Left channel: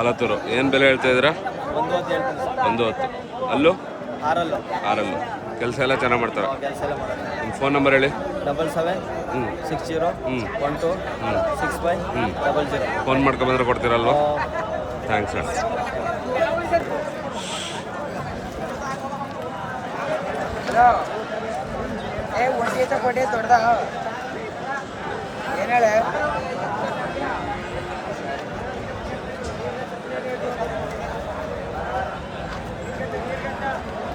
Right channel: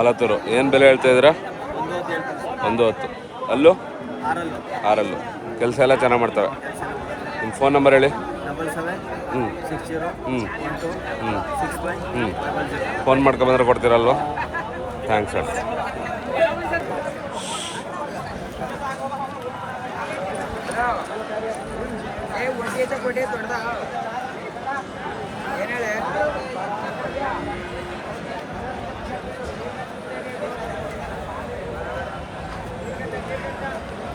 ಆಲತ್ತೂರು ಏನು ಬೆಲೆ ಹೇಳ್ತಾ ಇದ್ದೀರಾ? 110. ಅಲ್ಲೂ 6. ಕೆಲಸ ಎಲ್ಲ ಚೆನ್ನಾಗಿ ಮಾಡ್ತವೆ. ನಿಮ್ಮ ಫೋನ್ ನಂಬರ್ ಹೇಳಿ. 77601265 ಫೋನ್ ಮಾಡ್ಕೊಬಂದ್ರೆ ಕೊಡ್ತೀರಲ್ವ? ಥ್ಯಾಂಕ್ಸ್ ಅಣ್ಣ.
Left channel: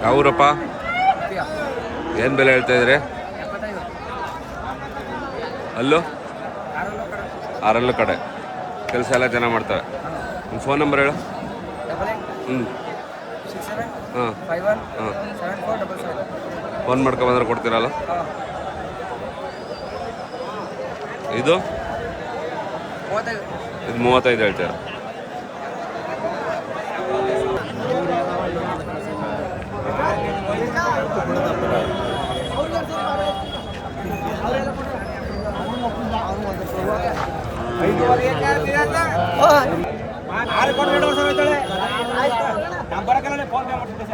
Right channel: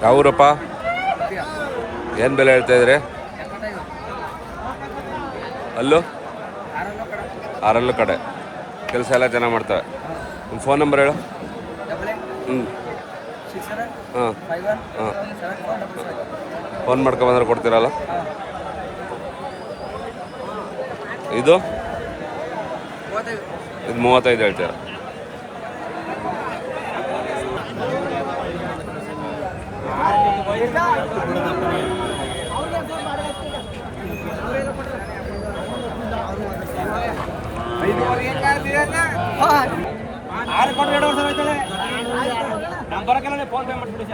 ಯಾವೂರಪ್ಪ? ಏನು ಬೆಲೆ ಹೇಳ್ತಾ ಇದ್ರಿ? ಅಲ್ಲೂ 6 ಕಡೆ ಕೆಲಸ ಎಲ್ಲ ಚೆನ್ನಾಗಿ ಮಾಡ್ತವೆ. ನಿಮ್ಮ ಫೋನ್ ನಂಬರ್ ಹೇಳು. ಹಾಂ ಫೋನ್ ಮಾಡ್ಕೊಬಂದ್ರೆ ಕೊಡ್ತೀರಲ್ಲ? ಇದು 35 ಹೇಳ್ತೀರ. ಫೋನ್ ಪೇ ಮಾಡ್ತೀನಿ.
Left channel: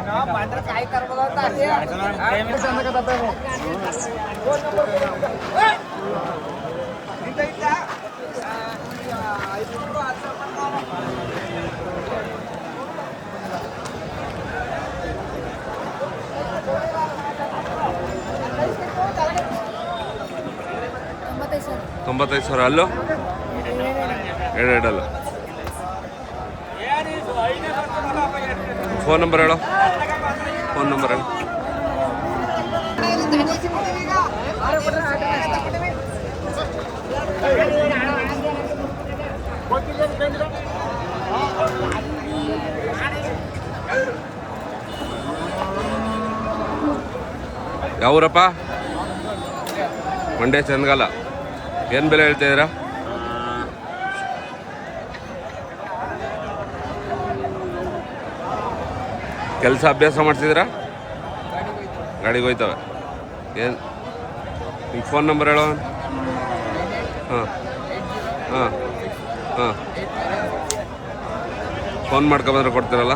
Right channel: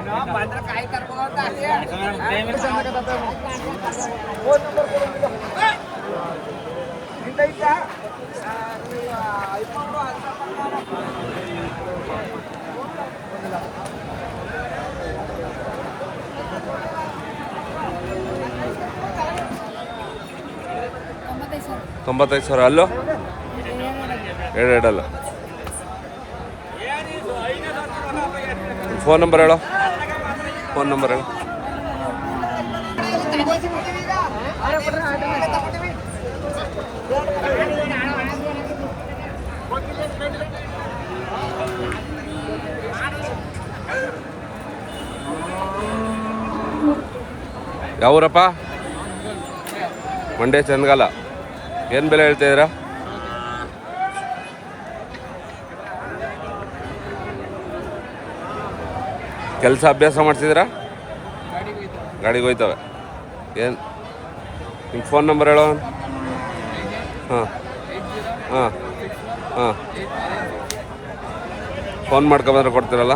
$95,000. ಅಲ್ಲೂ 7 ಫೋನ್ ನಂಬರ್ ಹೇಳು. ಯಾವೂರಪ್ಪ? ಮಂಡ್ಯ ಚಂದಗಾಲ. ಏನು ಬೆಲೆ ಹೇಳ್ತಾ ಇದ್ದೀರಾ? ಕೆಲಸ ಅಭ್ಯಾಸ ಮಾಡ್ತಿದ್ದೀರಾ? ಗಾಡಿಗೆ ಹೋಯ್ತವೆ. ಏನು ನಿಮ್ಮ ಫೋನ್ ನಂಬರ್ ಹೇಳೋ. ಹಾಂ ಫೋನ್ ಮಾಡ್ಕೊಬಂದ್ರೆ ಕೊಡ್ತೀರಲ್ಲ?